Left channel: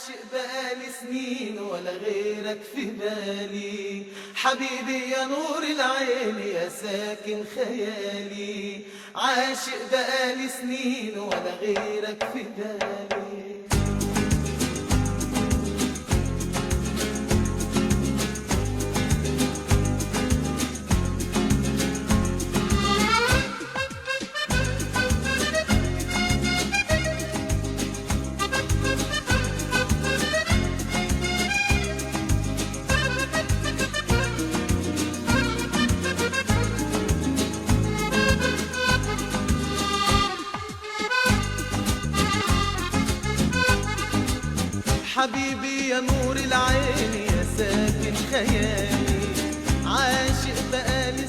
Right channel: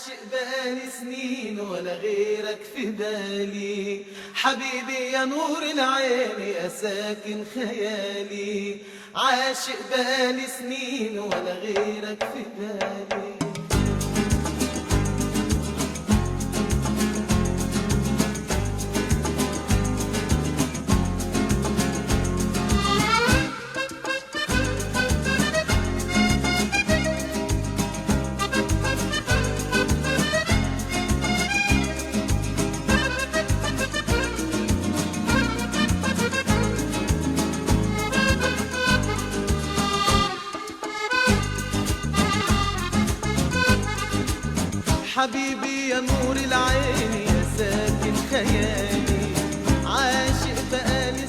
عاشق بقالي سنين ولا غيرك في بالي، حبيبي يا نور العين يا ساكن خيالي. عاشق بقالي سنين ولا غيرك في بالي. حبيبي يا نور العين يا ساكن خيالي، عاشق بقالي